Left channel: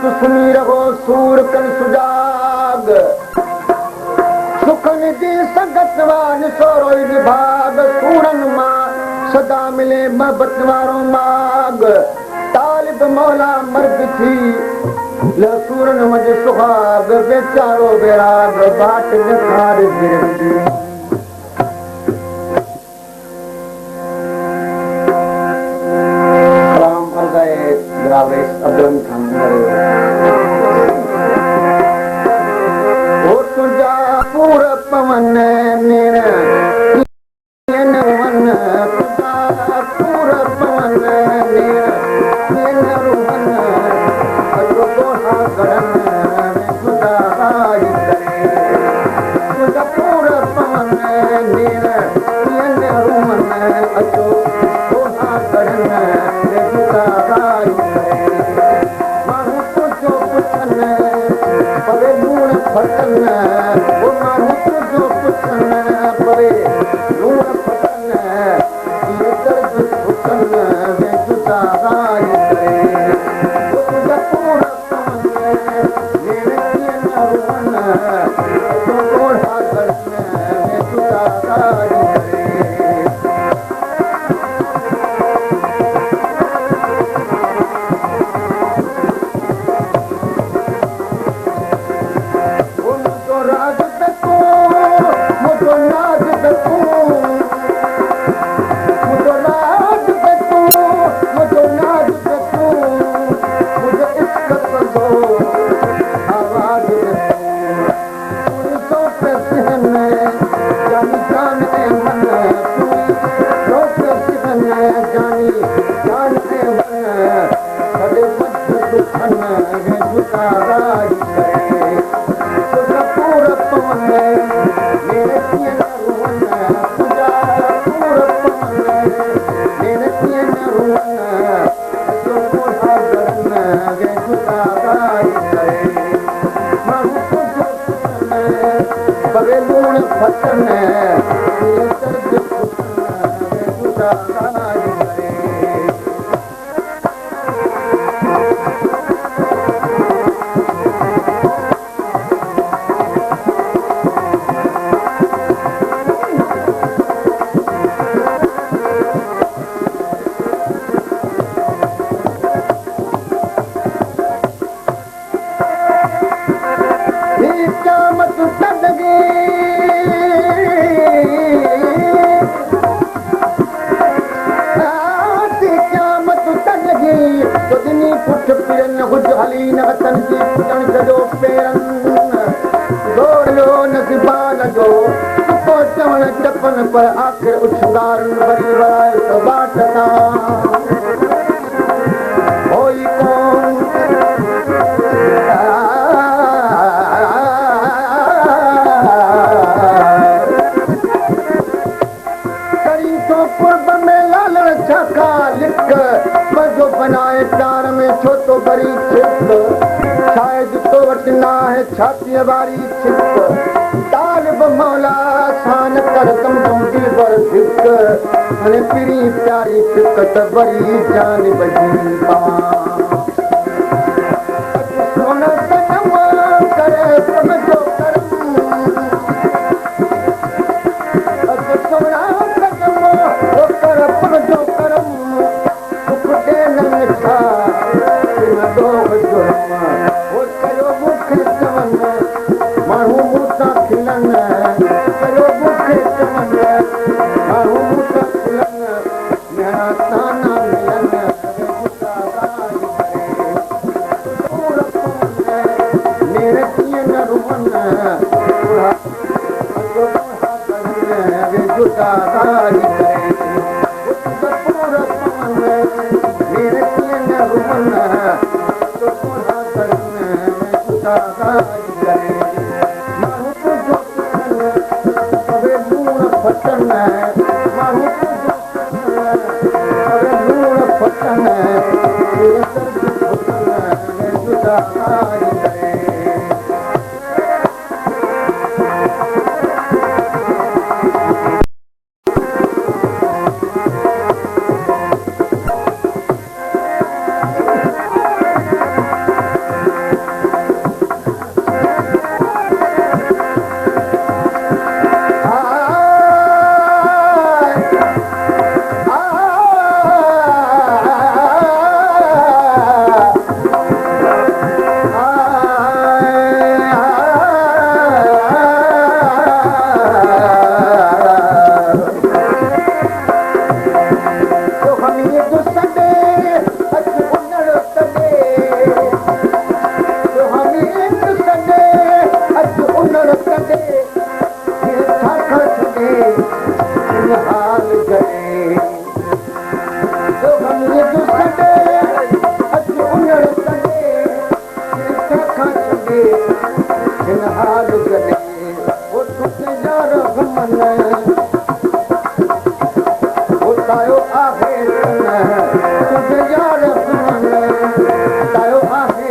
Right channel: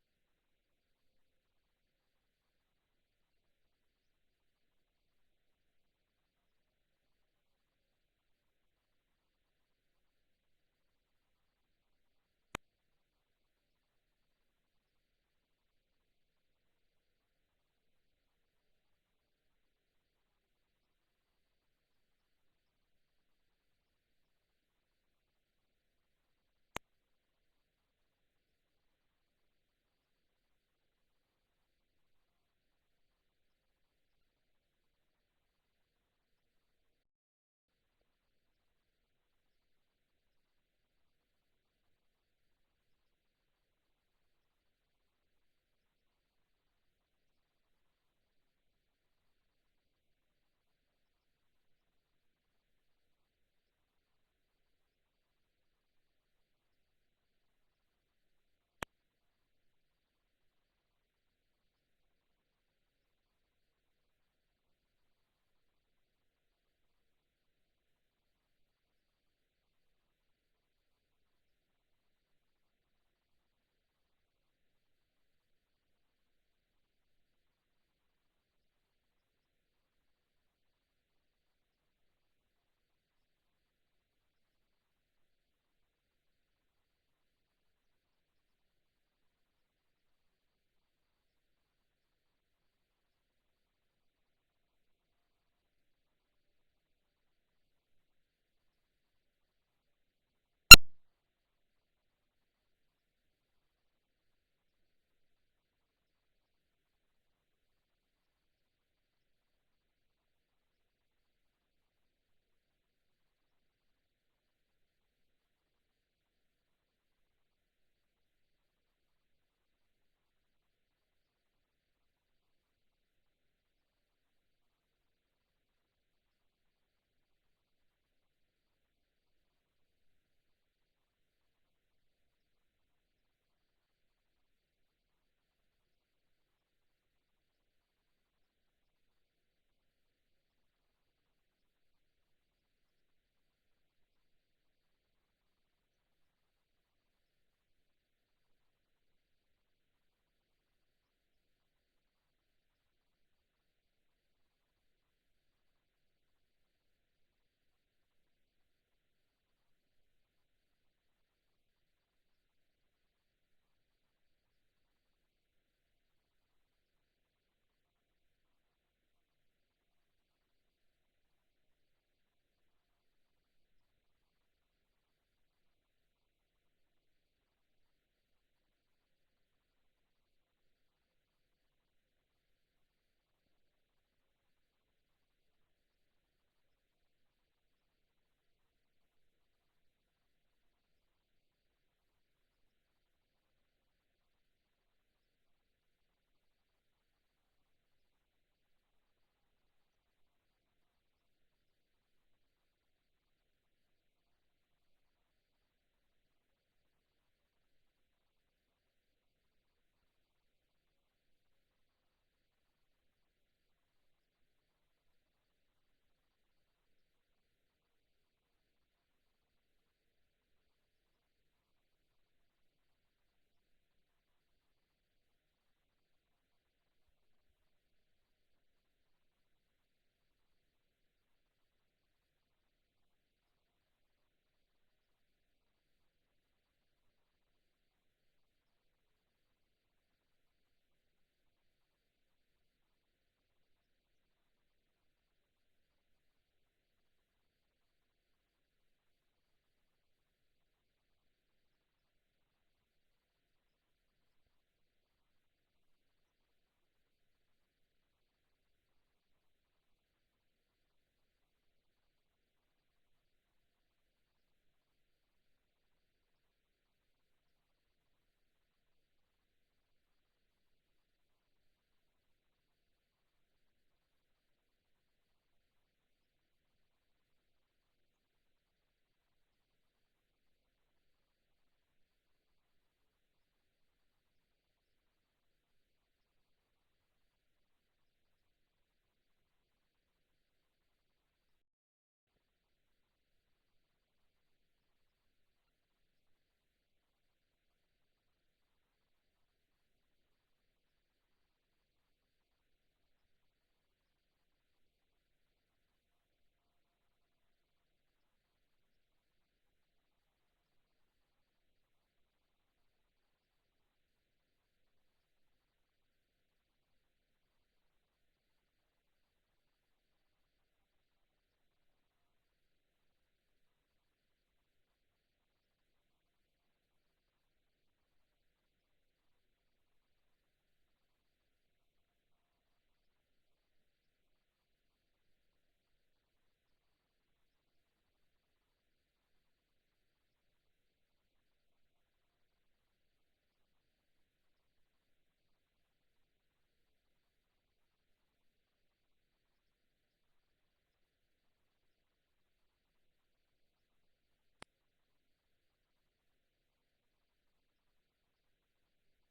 संत सुनी रहो सूर कन सुजाग सुखन जी संगत वान सोरोई विभाग सूरन मां सदा मिले मोहब्बत वारो माग तालिब मौला मर्द थी लसूरन मज सुहाग बेचारो बेराग बाट निखार गिरंदी अब्दुल खान ओ तुझा पूर पवन मेरा वन तुझा पूर पवन मेरा रुवन अजो दोहा गरन तुझा आई करे तुझा पूर पवन मेरा रुवन अजो दोहा गरन तुझा आई फटन वो माण्हू तुंहिंजो पुछन पवे लूण फटन ये दर्द पुछन वे जुदा आई करे वो तुंहिंजा पूर पवन मेरे कीअं न रुवन तो ॻोढ़ा करन वे जुदा आई करे पर आखिर उछंगारन बरी वराए तो बाटना होई कौन करी तो कुर्ब में लाल छका लिख मजो बनाए प्यार में छो तो बरी छिप शायद तो वटना है छाती वारी छिप तालिब मौला शान कर तुम दिल पर फिक अने पिरी प्यारी फिकत बड़ी जान बजी सोन सनम करे समझो करम सोना सनम ओ कर समझो करम दुख दे न छा न दो जुर्म ओ करो मुख चवन माण्हू मूसा खिलन करो मुख चवन माण्हू मूसा खिलन मेरा ताना मिलन मेरे कीअं न रुवन जुदा आई करे मेरे कीअं न रुवन जुदा आई करे तायो आहे तुझे यार तायो आहे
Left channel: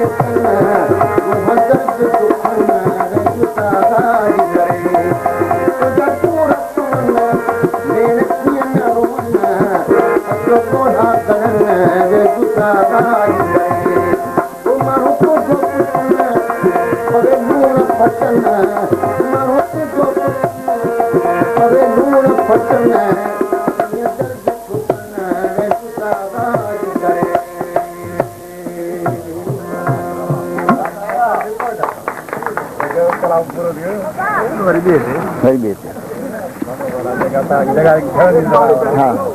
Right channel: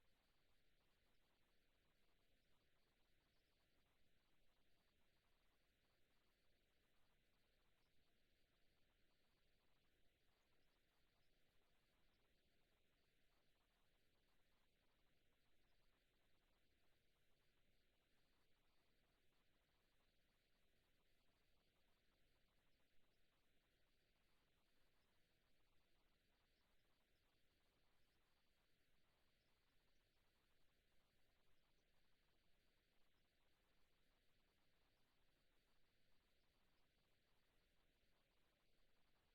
Very busy. हाँ